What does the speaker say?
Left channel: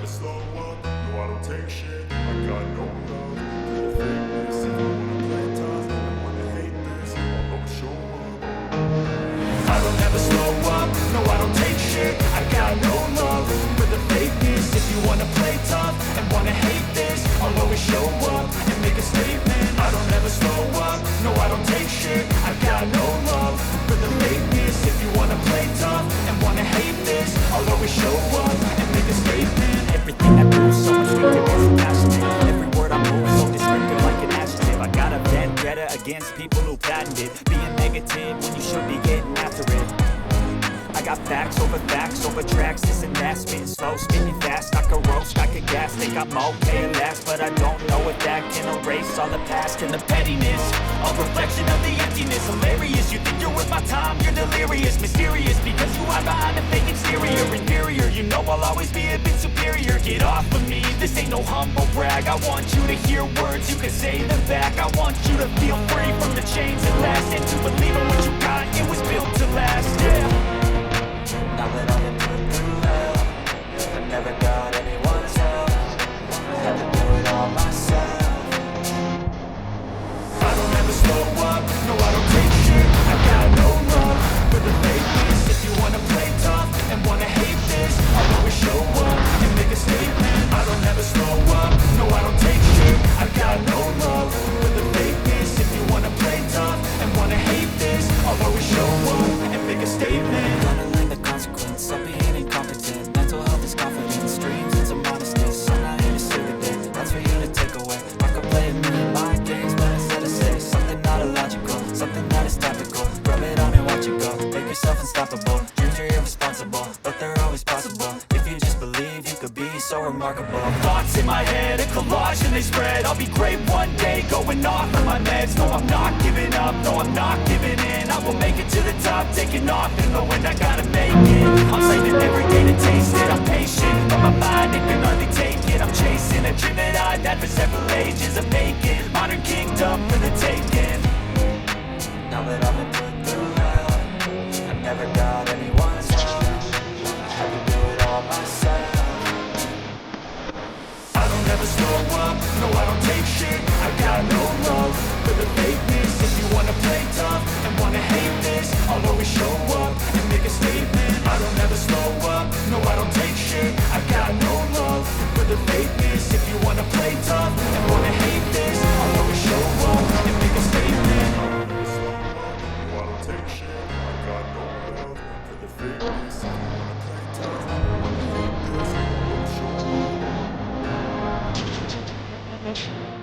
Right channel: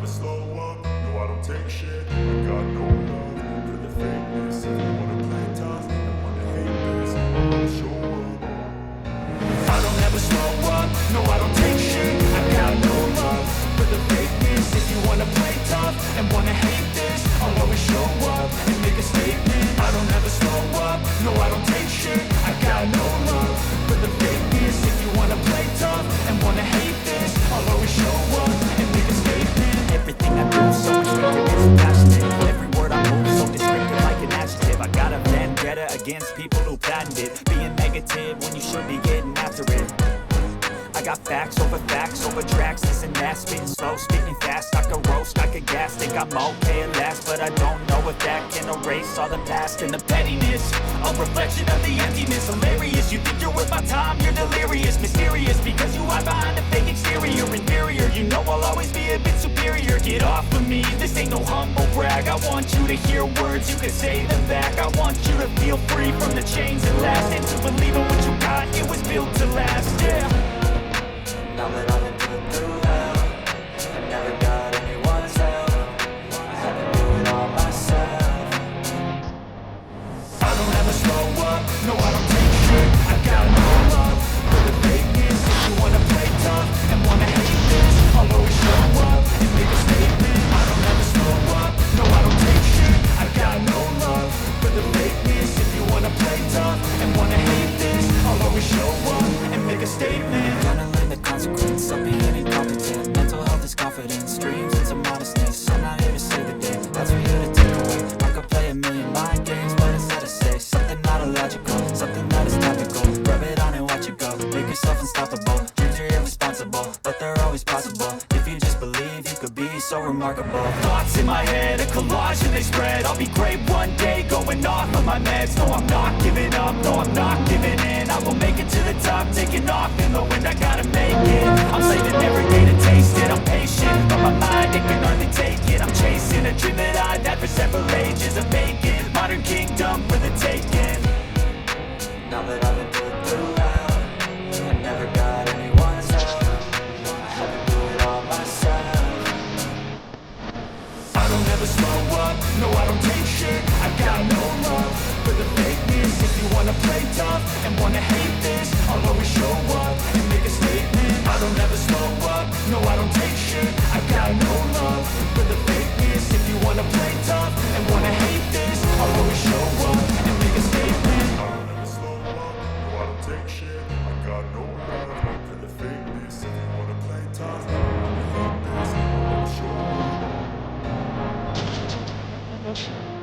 never slow up, no I don't take shit. I got no love for the fakeness. If you wanna play tough and wanna hate this, I'll always show up. I don't ever slow up, no I don't take shit. I got no love for the fakeness. If you wanna play tough and wanna hate this, I'll always show up and make a statement. I don't ever slow up, no I don't take shit. I got no love for the fakeness. If you wanna play tough and wanna hate this, I'll always show up and make a statement. Everything I do so instinctive and passionate. Every word I move so descriptive like an adjective. I got a vendetta against people who patented being negative when you should be getting after it. I got facts over tracks, this and that. Spitting slow, spitting fast, I can roast, I can gas. Think I'm okay at last, but I don't know if that can erase all the past. And the pettiness, a reflection of the emptiness. Hilarious, you think you're worth my time, you're delirious. Mysterious, because you hide behind a fake exterior. Inferior, you know I'll always be a bit superior. Get off of me, this ain't no humble brag. I want you to hear words, you can say them back. I want you to feel free from the chains that last, and to believe in what you got, it was built to last, yeah. Now that I've been put through hell, I never got anyone's help. I had to do it all myself. I don't ever slow up, no I don't take shit. I got no love for the fakeness. If you wanna play tough and wanna hate this, I'll always show up and make a statement. I don't ever slow up, no I don't take shit. I got no love for the fakeness. If you wanna play tough and wanna hate this, I'll always show up and make a statement. Gonna learn the consequence of being incompetent. Mental health is confidence, dreams and some modestness. I'm not here to save the day, that's for you to take away. I could play a million mind games, but instead I say something not illogical, something that is topical. Rub it on and watch it go, make yourself unstoppable. Dreams are irresponsible, but they're always possible. If you just believe, you could be so remarkable. Thoughts in my head, a collage and they spread. I'll be great one day, going off of my meds. No, I'm not giving up, no, I'm not giving in. I will make it to the top, taking off in the wind. I gotta make it, I'm saving every day to taste it. I'm patient, but my mind, it can hardly take it. I'm chasing a dream that I've had for several ages. A vacant, modern kingdom for the taking. Now that I've been put through hell, I never got anyone's help. I had to do it all myself. I don't ever slow up, no I don't take shit. I got no love for the fakeness. If you wanna play tough and wanna hate this, I'll always show up and make a statement. I don't ever slow up, no I don't take shit. I got no love for the fakeness. If you wanna play tough and wanna hate this, I'll always show up and make a statement. I don't ever slow up, no I don't take shit. I got no love for the fakeness. If you wanna play tough and wanna hate this, I'll always show up.